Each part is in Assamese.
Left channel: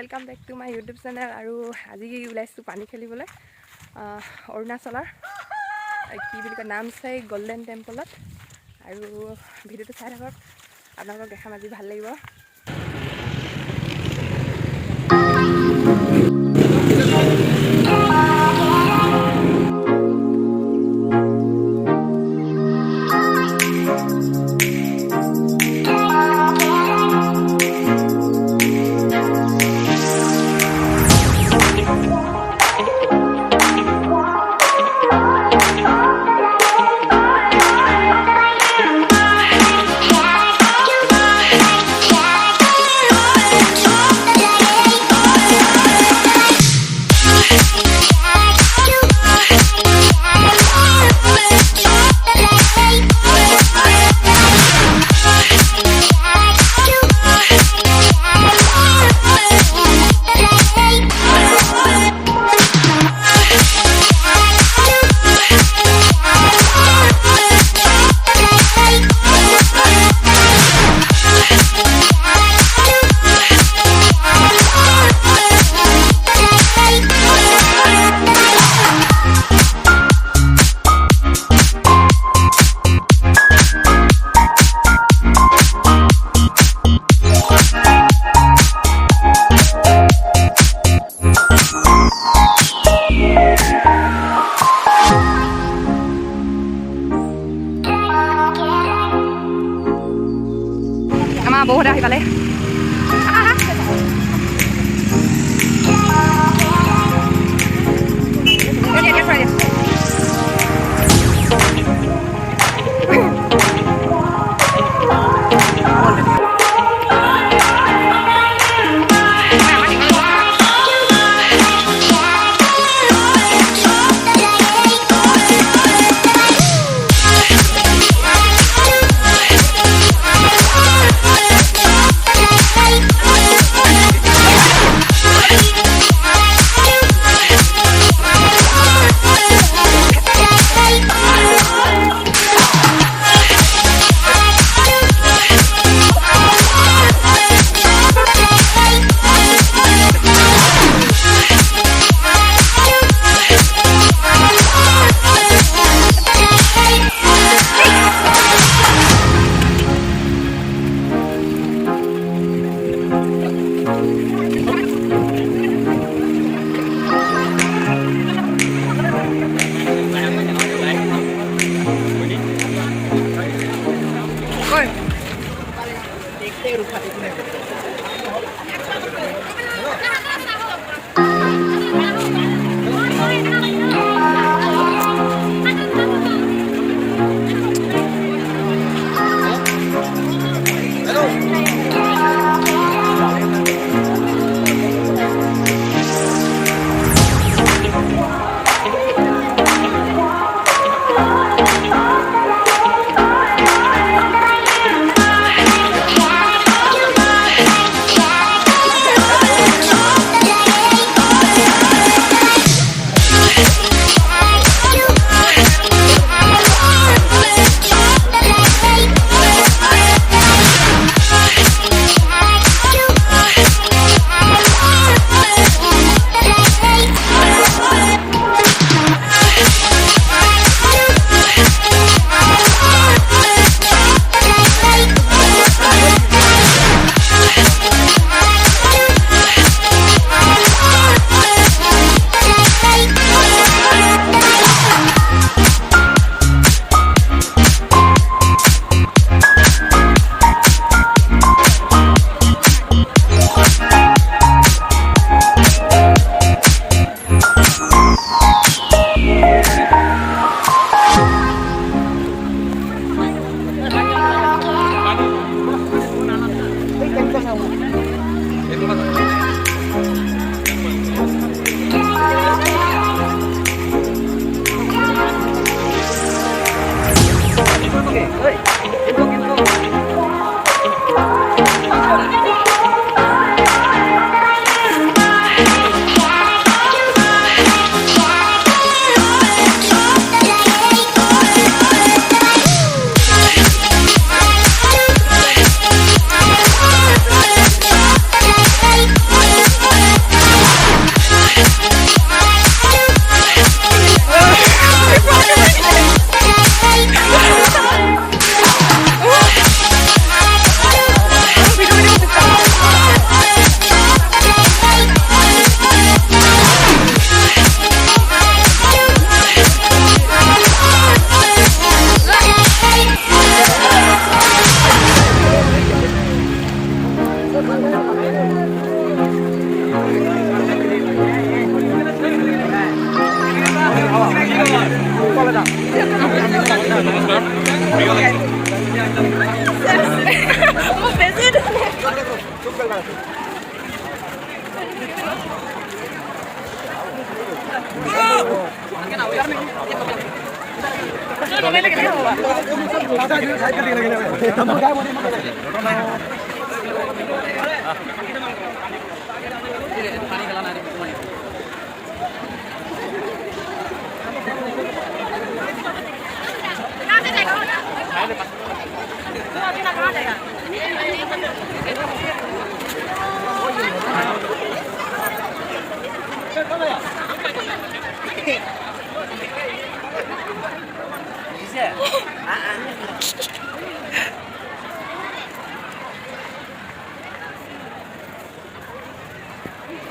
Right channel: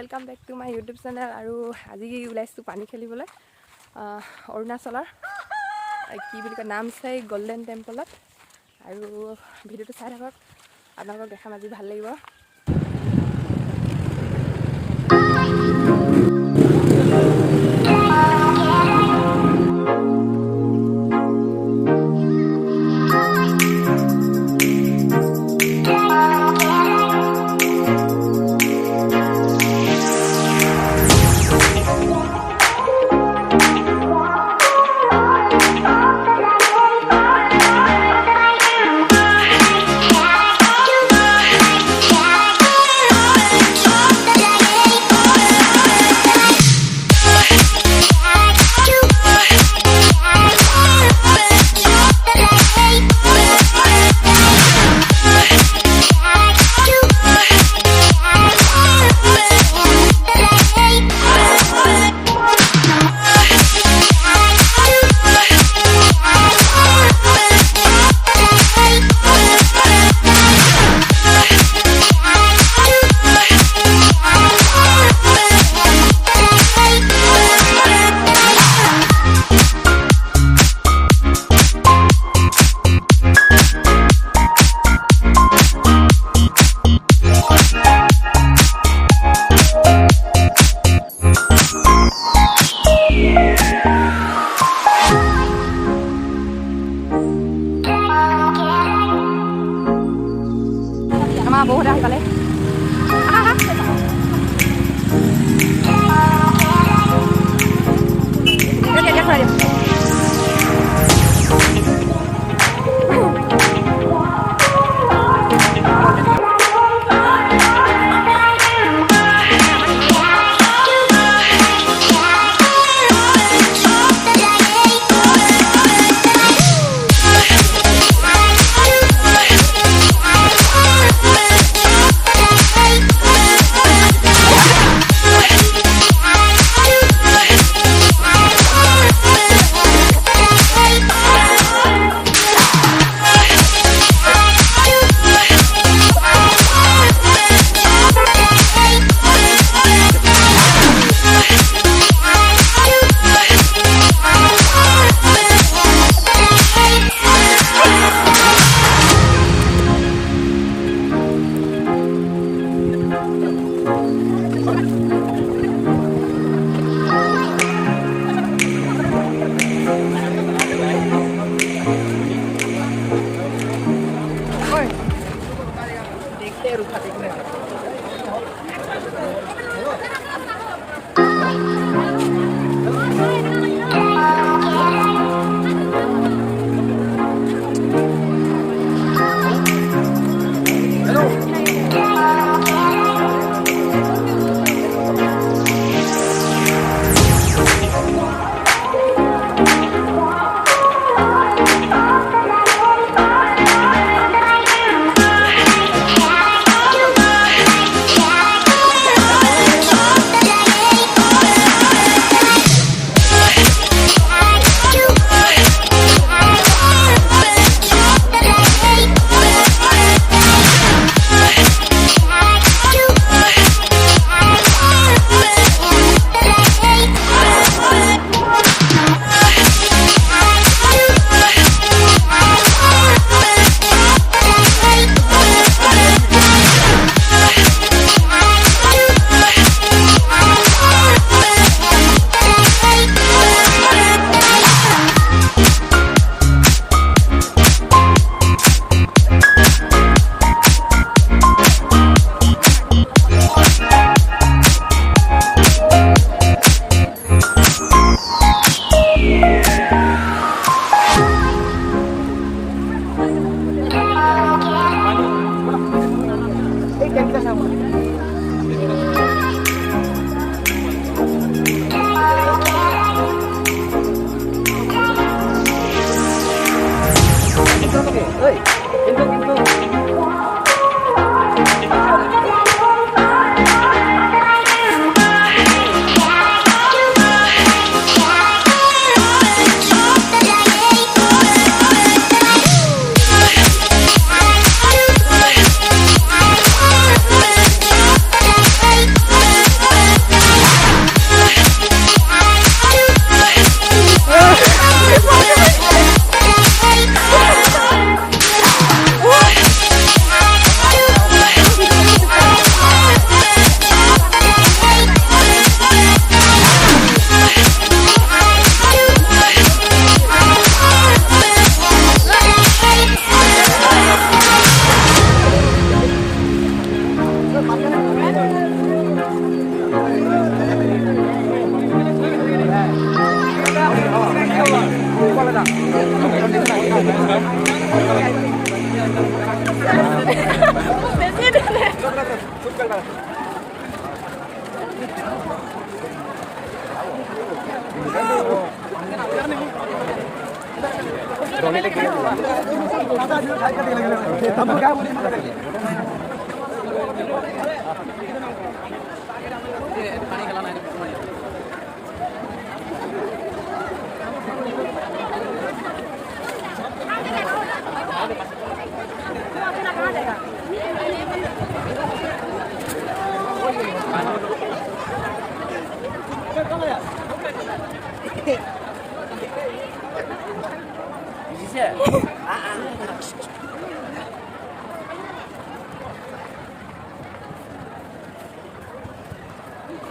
Welcome back to my YouTube channel. और आज ओलाइছোঁ पानी खेलिबले अरुणाचলৰ কি বুলি কয় নাম চাই গোল্ডেন টেম্পলত। আৰু ভিডিঅ'টো চাই থাকক, আপোনালোকক দেখাম, আজি ভাল লাগিব। बहुत आहि पाले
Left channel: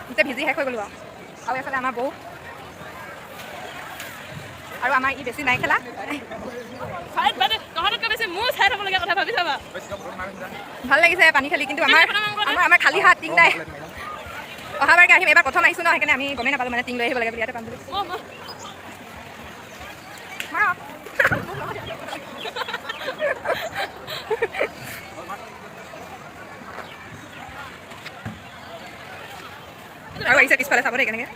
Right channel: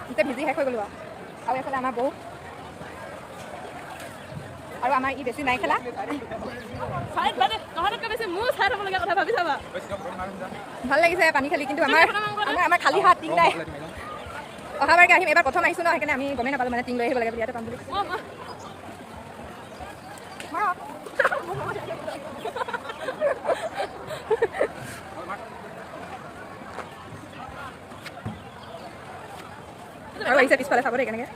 এতিয়া ভিজি শেষ হৈ গ'লো আৰু এইফালে আমাৰ বৌ আৰু আমাৰ ই বেছি নাই খেলা ভাল লাগিছে পানী খালি কিন্তু আমাৰ খালী হাত টিং নাই অহাবাৰকে আহিম এবাৰ প্ৰথম আহিছোঁ ন সেইকাৰণে আমি গমেই নাপালোঁ মানে টিং লৈ আহিব লাগে বুলি ইয়াতে পাম বুলি আৰু আহিছে পিছফালে চাব দেই কেনেকৈ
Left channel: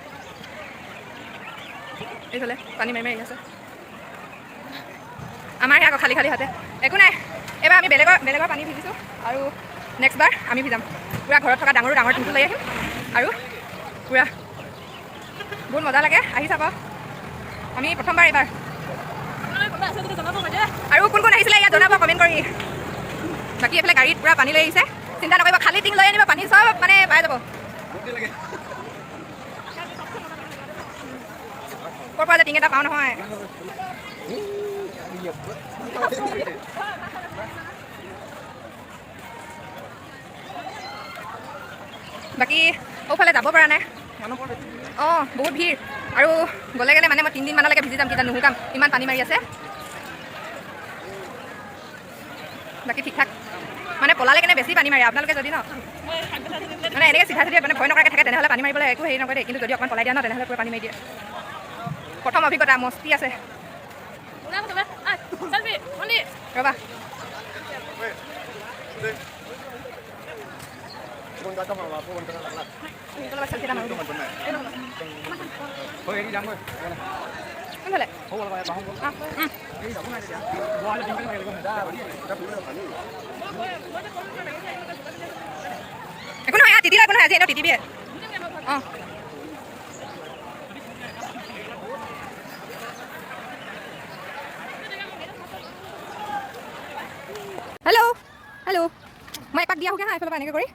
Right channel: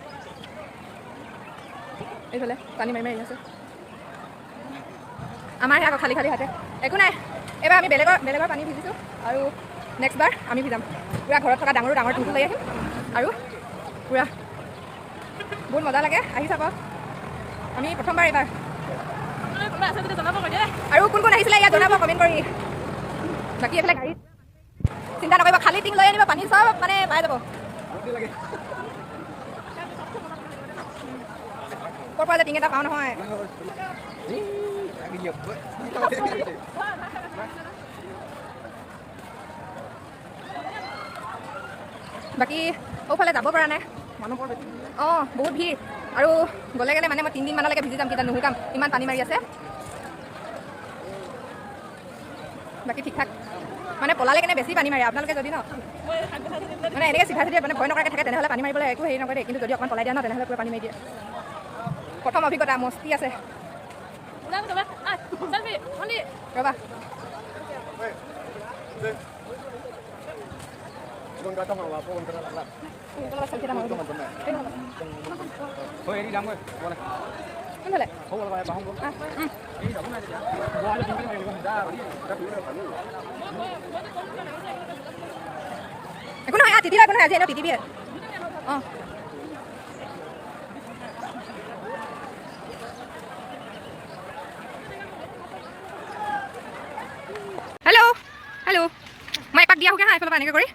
এইফালে পানী মাৰি মাৰি আছে আমাৰ আকৌ খালী খালী হাতে একো নাই এবাৰ আমি বেলেগৰ পানী ভিজিছোঁ আৰু নেক্সট বাৰ আমি ভিজাম পূৰা ঘৰত থকা ডাঙৰ টিংটো লৈ আহিম আৰু পূৰা বহুত মজা লাগে আহি চাব আমি প্ৰথমবাৰ এইবাৰ আৰু কোন কোন আহিছিলে ইয়াত জনাব কমেণ্ট কৰি বাকী এইফালে গাড়ীত পূৰা পানী লৈ আহিছে চিন্তা নকৰিব খালী টিং লৈ আনিব পানী চব মানে পাই যাব ক'ৰ পৰা যে টিং এটা পাওঁ নহয় বাকী সৌফালে যাব পৰা নাই অঁ বহুত ভিৰ আৰু গ'লে মানে মই 3 দিনমানলৈকে ভিজি যাম কিটা নুশুকাম ইমান পানী মাৰি আছে বাকী ঠিক ঠাক মানে পলালে কেনে বেছি পানী মাৰে আপোনালোকে যদি ন মানে এনেকৈ চিধা চিধা মানে ভয় নকৰাকৈ থাকে তেনেহ'লে পানী মাৰিবলৈ একো হেৰি নকৰে দেই কিন্তু যদি অকণমান পলাই দিয়া ন তেনেহ'লে পুৰা পানী মাৰি দিয়ে প্ৰথম অভিজ্ঞতা মস্তি আছে ৰ'বা একো নহয় তিতি একো নহয় আজি এনেও তিতিবিয়ে অঁ হেল্ল' মই এপাক দিয়া হোকে হা এইফালৰ পৰা এনেকৈ কৰি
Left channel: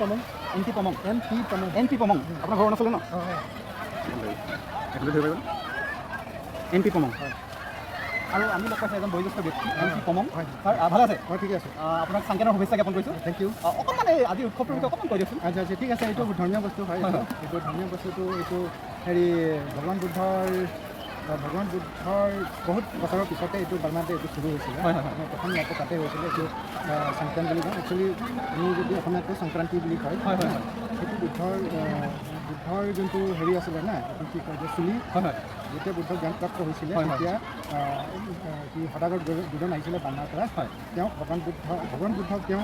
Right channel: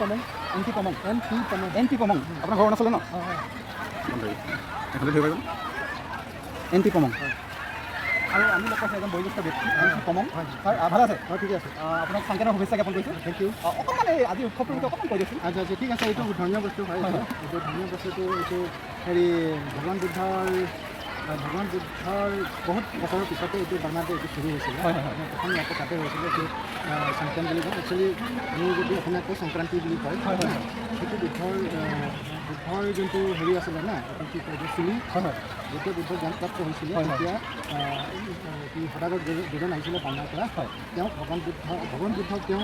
পমং এন পি পমং আপোনাৰ ঘৰ অৰুণাচলে ন এন পি পমং আৰু আমি লগ পাইছোঁ এজন বয়োজ্যেষ্ঠ ব্যক্তি এন পি পমং ছাৰ ভাল আছে ঠিকে আছে আপোনাক সংকেতৰ শুভেচ্ছা জ্ঞাপন কৰিছোঁ থেংক ইউ অকণমান এই আজি উৎসৱটোৰ বিষয়ে অকণমান কৈ দিয়কচোন আচ্ছা ঠিক আছে এইটো ধৰ্মীয় বস্তু হয় এইটো ধৰ্মীয় বস্তুটো এইটো হেৰি ভগৱান বুদ্ধৰ বহুত বছৰৰ পিছতে এইটো বাৰ্মাতে এইটো শুৰু হৈছিলে প্ৰথম ইয়াতে তাতে হৈছিলে এইটো সংক্ৰান্তি বুলি কয় একচুৱেলি আমি যদি অসমীয়াত কয় সংক্ৰান্তি বুলি কয় সেইটো বুদ্ধৰ যোনটো হেৰি আছিলে না এইটো কি কয় যে চুলি যেতিয়া বুদ্ধ জ্ঞানপ্ৰাপ্ত হৈছিলে তেতিয়া সদাগৰ দুজন আহিছিলে বাৰ্মাৰ পৰা তেওঁ ভগৱান বুদ্ধক তেওঁ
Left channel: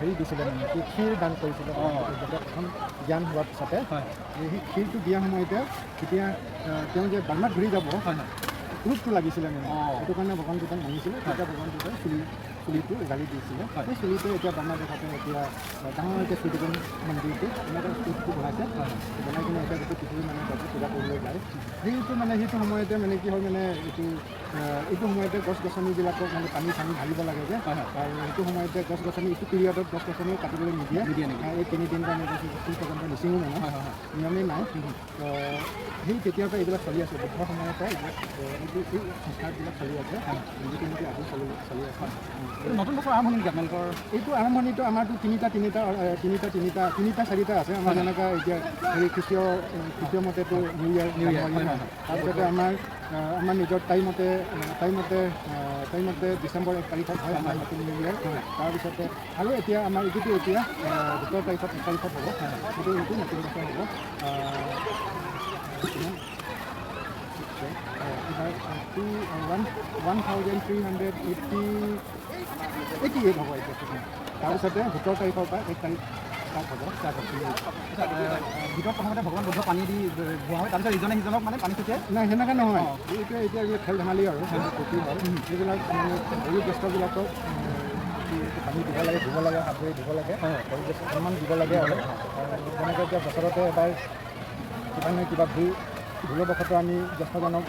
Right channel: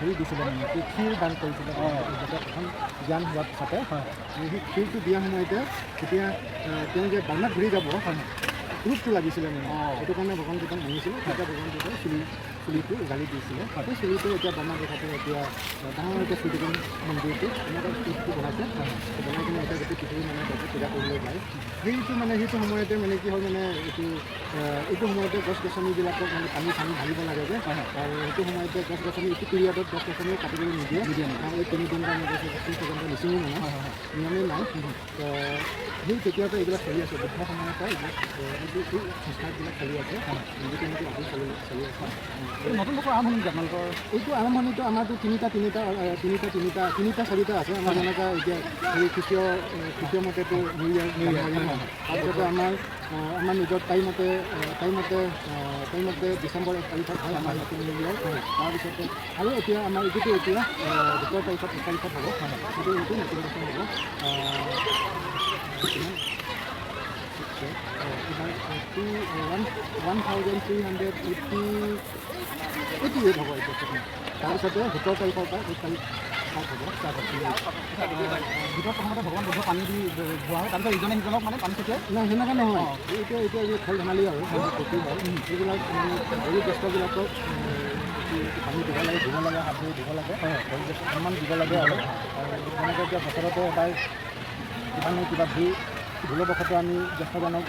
হেৰি দিছিলে মানে কি ক্ষীৰ দান কৰিছিলে যাতে প্ৰথম জ্ঞান হোৱাৰ পিছতে সেই ক্ষীৰটো দিয়া সময়তে তেতিয়া তেওঁ যে বাৰ্মাত ঘূৰি যাব ৰূপটো লাগিছিলে মানে সেইটো কাৰণে ভগৱান বুদ্ধক মানিছিলে তেতিয়া ভগৱান বুদ্ধই চুলিটো জালি দিছিলে সেই চুলিটো এতিয়া বাৰ্মা দেশতে এতিয়া ডাঙৰকৈ চুলিটোন মন্দিৰটো এনেকৈ চুলিটো বনাইছে বনাই কিনে এতিয়া গোটেই পৃথিৱী মানে তাতে পূজা কৰিবলৈ যায় সেইটো সময়তে মানে কি হয় মানে এইটো সময়তে গছ গছনিবিলাকক মানে পানী ঢালিব লাগে যে আৰু সেইটো সময়তে গছ গছনি এইটো পিৰিয়ডত গছ গছনি কাটিবলৈ নিদিয়ে এই 3 দিন আমি গছ গছনি পৰ্যন্ত নিচিঙো মানে নিয়মেই নাই তো সেই তেতিয়াৰ পৰা এইবিলাক চলি আছে বুদ্ধৰ সময়ৰ পৰা এই সংস্কাৰবিলাক চলি আছে নীতি আজি চলি আছে নতুন বছৰ আৰম্ভণি নেকি আপোনালোকৰ এইটো আৰম্ভণিটো আমাৰতো তিনিটা চাৰিটা আছে আমাৰ যেনেকৈ এতিয়া এই খ্ৰীষ্টীয় মতেতো নিউ ইয়েৰ তাৰপিছতে আমাৰ নিজৰ টাইমতে ডিচেম্বৰ 1 তাৰিখত হয় আমাৰ নতুন নিউ ইয়েৰ তাৰপিছতে আৰু এতিয়া আমাৰ এইটোতো এতিয়া 2 তাৰিখত 1 তাৰিখত হ'ব এইটো নতুন বছৰ হ'ব কিমান এইবাৰ 1388 হ'ব এতিয়া তাৰপিছতে 17 তাৰিখৰ পৰা 1 তাৰিখ ষ্টাৰ্ট হ'ব ভিতৰত প্ৰথমতে ভগৱান বুদ্ধ পানী দি যোৱা হয় তাৰপিছত ইজনে সিজনক মানে পানী ছটিয়াই নাই সেনেকৈ নহয় এতিয়া খেল ধেমালি আৰু ফূৰ্তি হয় এইবিলাক মানে বয়োজ্যেষ্ঠবিলাকক পানী দিব লাগে ধুব লাগে হাত ধুই ধুব লাগে বয়োজ্যেষ্ঠ সন্মান দিব লাগে আৰু যেনেকৈ এতিয়া বছৰতে এবাৰ কিবা নহয় কিবা ভুলবশত আমি জ্যেষ্ঠজনক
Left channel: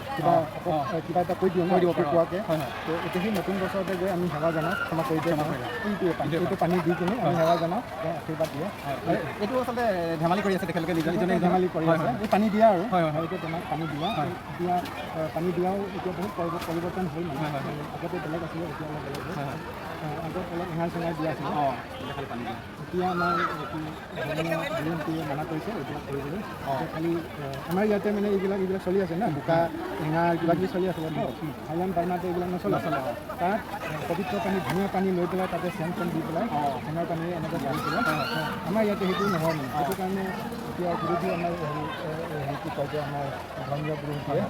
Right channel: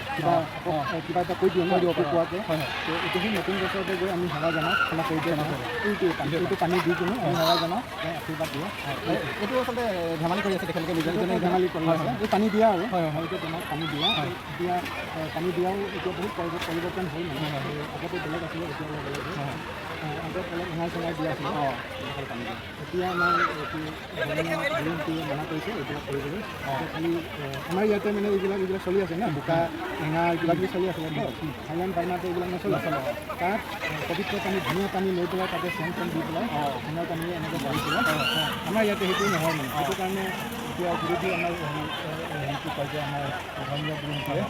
কিবা এটা কৈ দিওঁ ন অপোৱাকৈ তো এতিয়া সেই নতুন বছৰতে গৈ আমি সেৱা জনাওঁ ক্ষমা কৰি দিয়ে এইটো পানী দি কিনে আমি সেৱা জনাওঁ আশীৰ্বাদ দিওঁ এইটো আচলতে ধেমালি কৰি আছে তেখেতলোকে নিজনে ধেমালি কৰি আছে এই পানী দিয়া আৰু এতিয়া তোমাক পানী দিয়া এতিয়া পানী দিয়াও এতিয়া বহুত পৰিৱৰ্তন হ'ল মানে আগতে বেলেগ আছিলে এতিয়া অলপ বেলেগ আগত অলপ এঙাৰ চেঙাৰ দিয়া আছিলে খালি পানী দিয়া এতিয়া আমাৰ ধৰ্মীয় মানা কৰিছে এইবিলাক কৰিবলৈ খালি আমাৰ ইয়াতে মানে এইবিলাক চলি আছে না বোকা এঙাৰ কিবাকিবি চলি আছিলে থাইলেণ্ড বাৰ্মাতে এইবিলাক নচলে তাত পবিত্ৰ পানী ধুনীয়া পানী লৈ পেলাই তাতে চেন দি পেলাই সোণৰ পানী এনেকৈ জাৰি পেলাই আমাৰ ইয়াতে সেইটো নহয় মানে সেইটো কাৰণে এতিয়া বিৰোধী আমাৰ হেৰিটো কয় যে আমাৰ ধৰ্মীয় গুৰুসকলে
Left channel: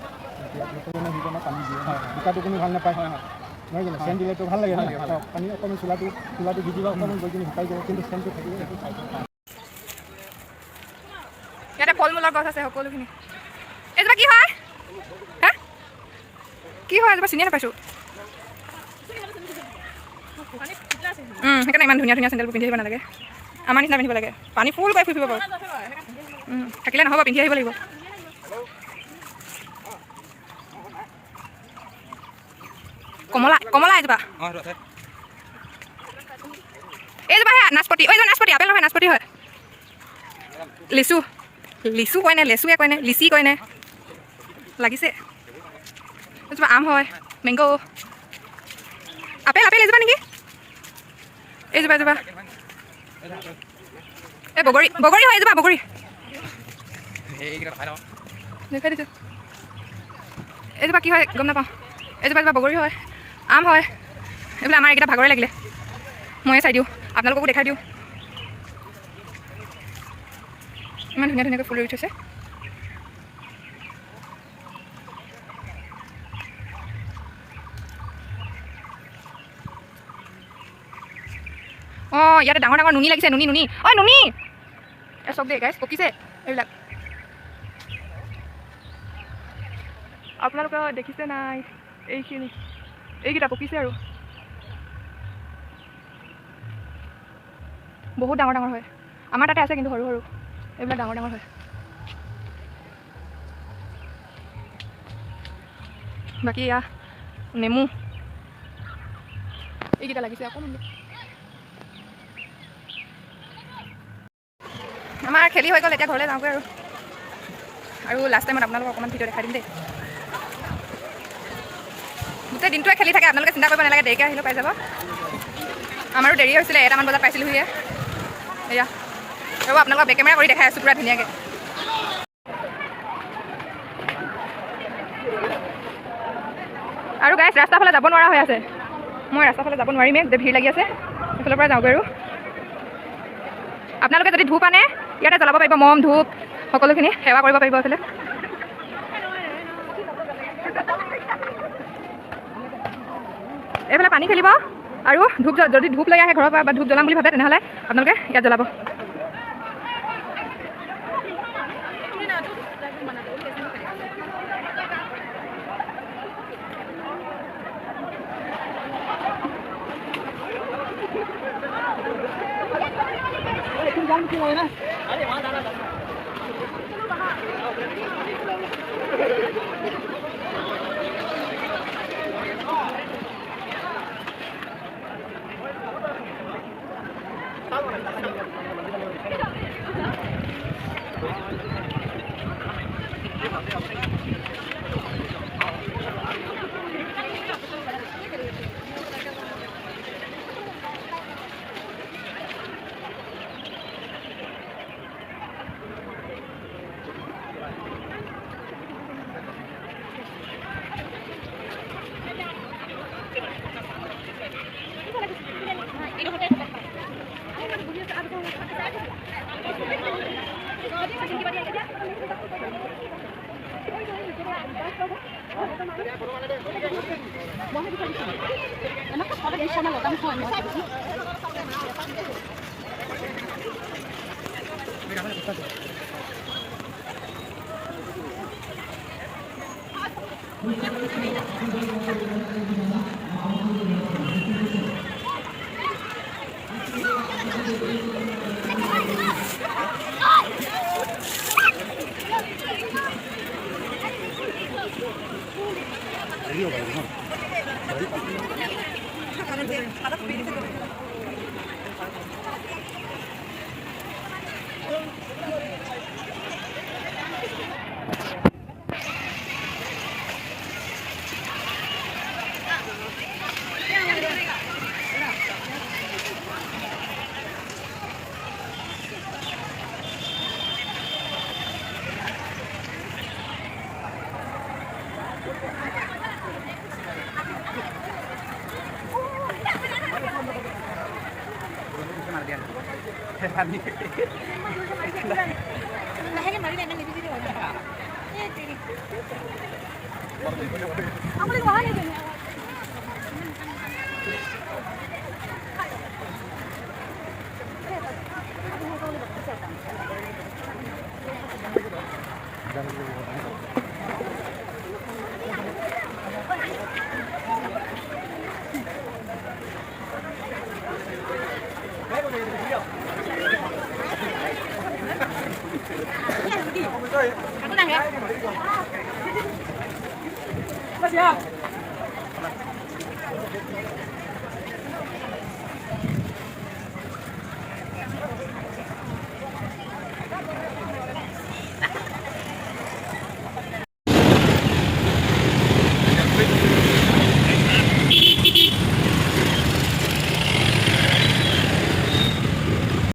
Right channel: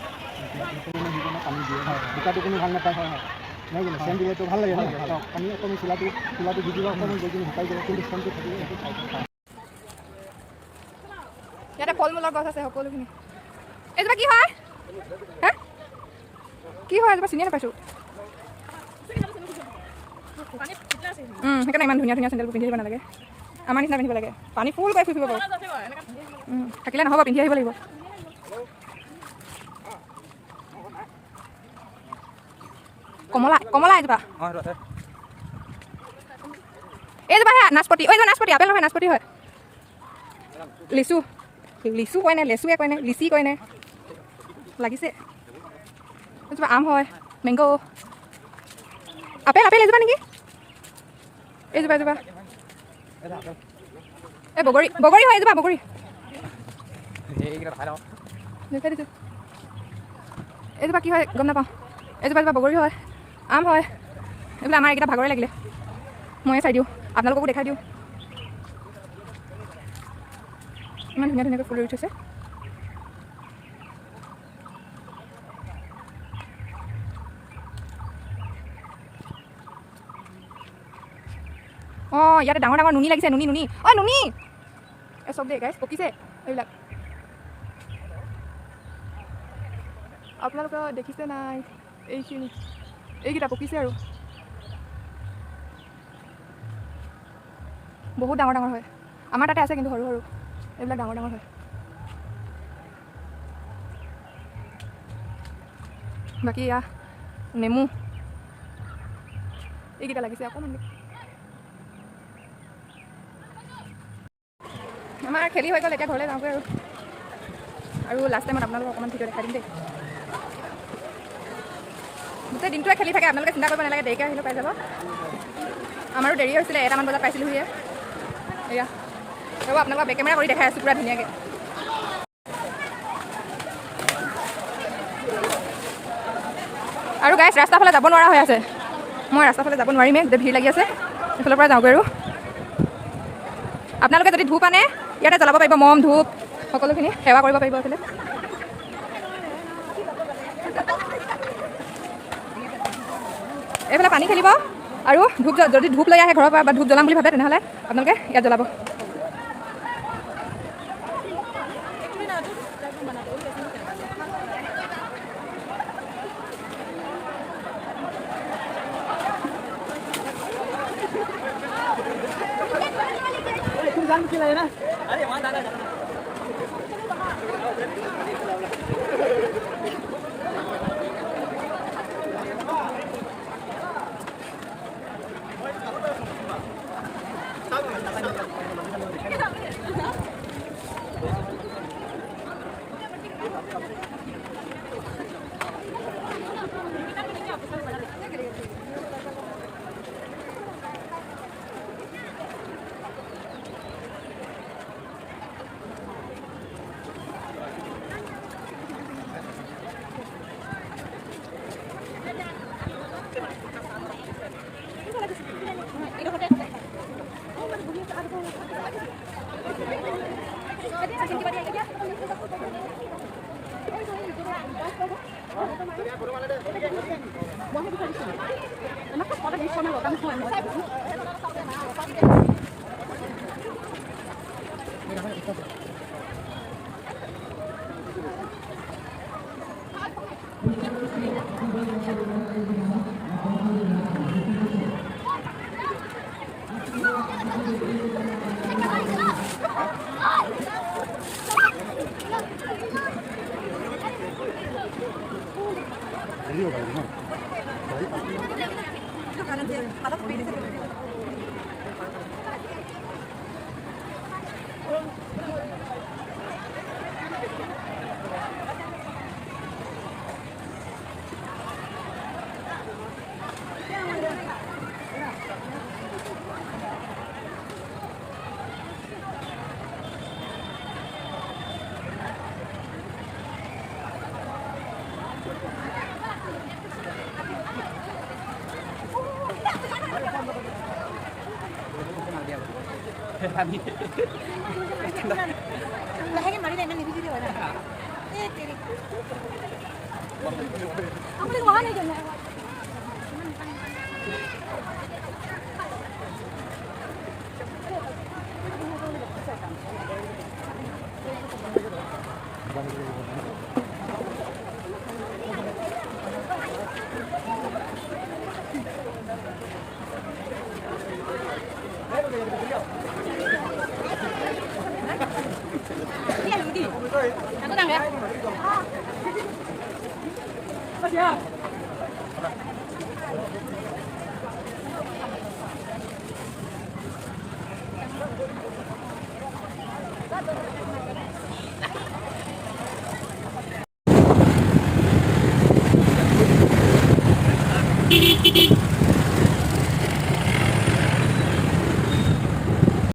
এতিয়া নতুন সিজনে পানী দিয়ে বোকাটো কোনো ভাল নাপায় নহয় জানো চেন দিলেতো ভাল লাগে পানী অকণমান চোলাটো দি দিব অকণমান গৈ কিনে শুকাই যাব কিন্তু চেনটো থাকিলে সেইটো চাই ইয়াতে ফল মূলৰ গছ আছে সকলোখিনি এজোপা কি হয় হা কি হয় এজোপা চিনিয়ে নাপাইছোঁ সেইকাৰণে ইমান ধুনীয়া চেণ্ডেলবোৰ পিন্ধি আহিব নালাগে আমাৰ নিচিনা পিন্ধিব লাগে পানী ফুল কৰি ফুৰিব বাৰু থাকিলে নহ'ব পিন্ধি আহিব লাগিব কমলা এজোপা এইজোপা হে নাচপতি নাচপতি আপেল নহয় নাচপতি হয় লিচু কয়নে লেচুৱে কয়নে লিচি কয়নে লাগিছে এজোপা আম হয় মেংগ' আপেল এজোপা নেকি এইজোপা এই বগৰী হয় এজোপা বগৰী দেখাই দিছোঁ এইজোপা কি হয় গম নাপাওঁ এজোপা বগৰী হয় আম হয় এইবিলাক আমাৰ এইকেইটা ভাগৰে লাগিলে ময়ে চাই দিওঁ আপোনালোককো দেখাই দিওঁ ইমান ধুনীয়াকৈ ফুল ৰুই থৈছে অঁ ইয়াতে ডাঙৰ নুনি লাগিছে নুনি নুনি চব দেই গাইছ পকিছে এইবিলাক আপোনালোকে দেখিছে নাই এইকেইটা পকিছে আৰু বহুত ডাঙৰ হয় আমাৰ তাতে আছে কিন্তু সৰু এইবিলাক ডাঙৰ হয় বাকী এয়া নেমু এইকেইটা লাগিছে অকণমান আমাৰ খেলি হৈ গ'ল, এতিয়া ঘৰলৈ যাওঁগৈ আৰু লাষ্ট টাইমত আপোনালোকক অকণমান ভিডিঅ' দেখাই দিম দেই। গোটেই দিনটোৱে খেলি থাকে, আপোনালোকে চিন্তা কৰিব নালাগে, দেৰিকৈ আহিলেও পাই যাব। আমাৰো দেৰি হৈছিলে, 1টামান বজাত পাইছিলোঁহি। এয়া ৰ'ব, আপোনালোকক বেক কেমেৰা কৰি দেখাই আছোঁ পুৰা ধুনীয়াকৈ। আৰু গাইছ ৰাস্তাৰ ফালে যাব নোৱাৰা হৈ আছে, মই ৰাস্তাৰ ফালে যাব নোৱাৰিমেই, গোটেই ভিৰ লাগি আছে। এইফালৰ পৰা যাওঁগৈ আৰু আপোনালোকে যদি ধূপ আনে ইয়াতে জ্বলাব পাৰিব, মম ধূপ সকলোখিনি সেৱা কৰিব পাৰিব। এইফালে এইফালে পানী খেলিব আৰু ধূপ, যদি ধূপ লৈ আহে ঘৰৰ পৰা বা ধূপ জ্বলাম বুলি ভাবে তেনেহ'লে আপোনালোকে ইয়াত জ্বলাব।